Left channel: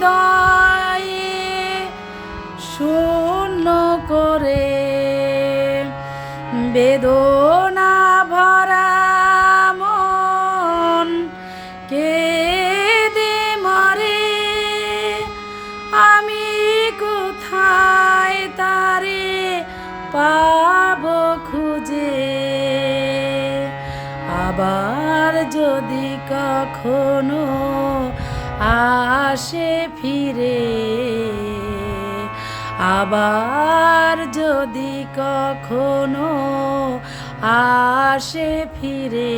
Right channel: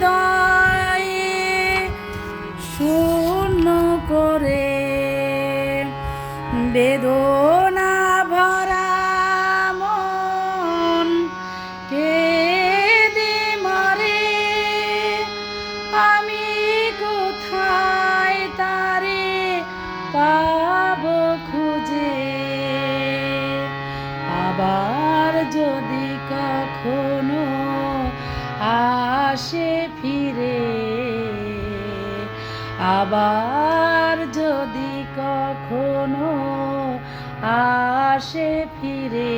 হৃদয়ে শূন্য করে বেদনা ভরা মন কেঁদে মরে। আমি কোথায় তারে পাবো খুঁজে? আবার যদি কখনো আসে ফিরে, আবার যদি কখনো আসে ফিরে,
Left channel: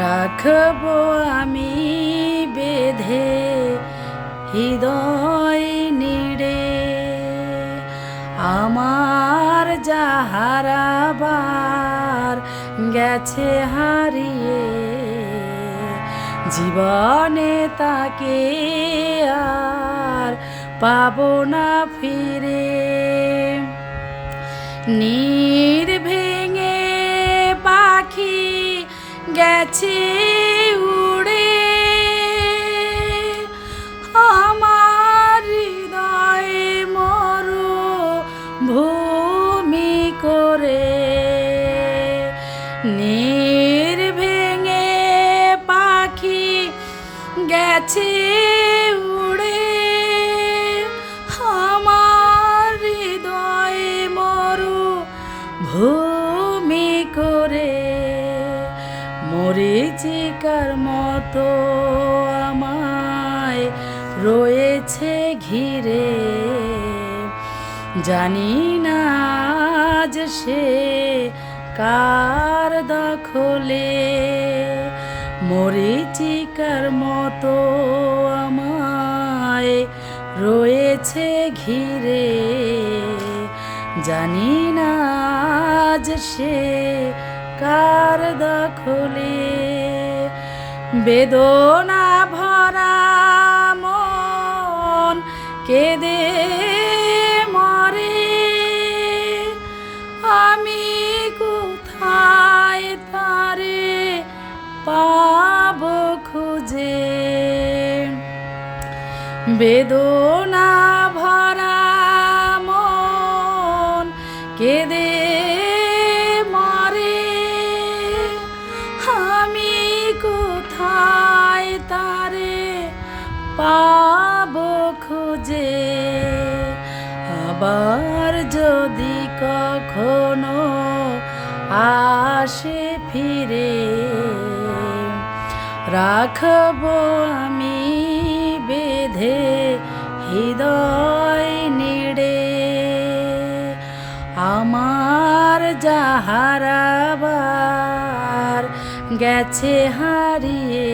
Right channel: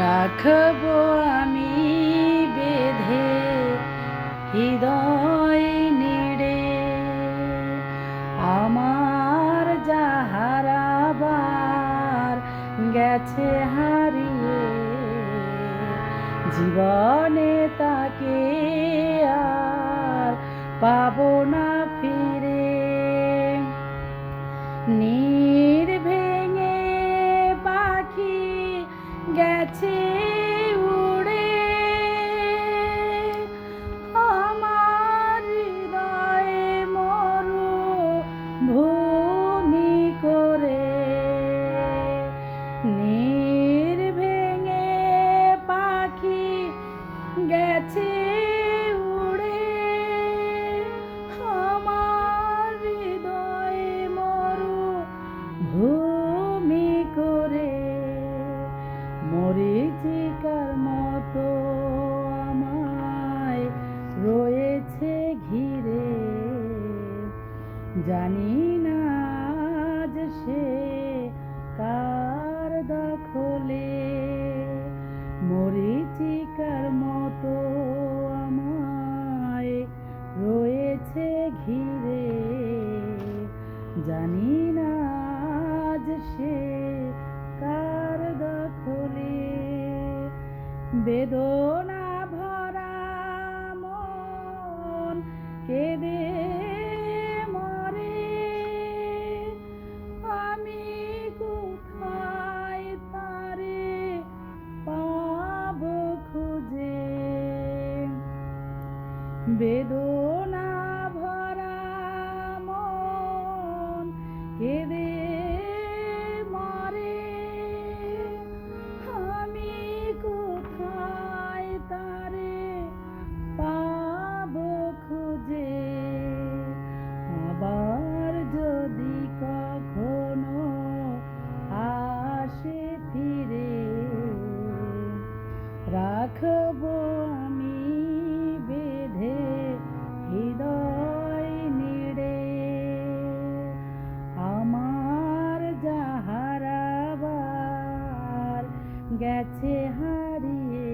রাখবো আমি বেঁধে হৃদয় নিড়ে। আমার যা হারাবার গেছে হারিয়ে, জীবনে তাকে আর পাবো না ফিরে। নীর ভেঙে পাখি গেছে উড়ে, আমার হৃদয়ে মরু ভূমি করে। নীর ভেঙে পাখি গেছে উড়ে, আমার হৃদয়ে মরু ভূমি করে। মরীচিকার মতো আমায় রয়েছে ঘিরে, জানি না আজ সে কার দখলে। মরীচিকার মতো আমায় রয়েছে ঘিরে, জানি না আজ সে কার দখলে। বেদনা ভরা মন কেঁদে মরে, আমি কোথায় তারে পাবো খুঁজে? বেদনা ভরা মন কেঁদে মরে, আমি কোথায় তারে পাবো খুঁজে? আবার যদি কখনো আসে ফিরে, রাখবো আমি বেঁধে হৃদয় নিড়ে। আমার যা হারাবার গেছে হারিয়ে,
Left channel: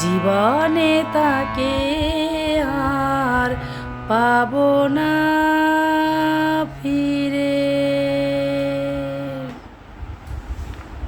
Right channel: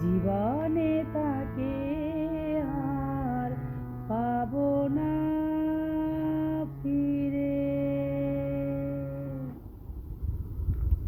জীবনে তাকে আর পাবো না ফিরে।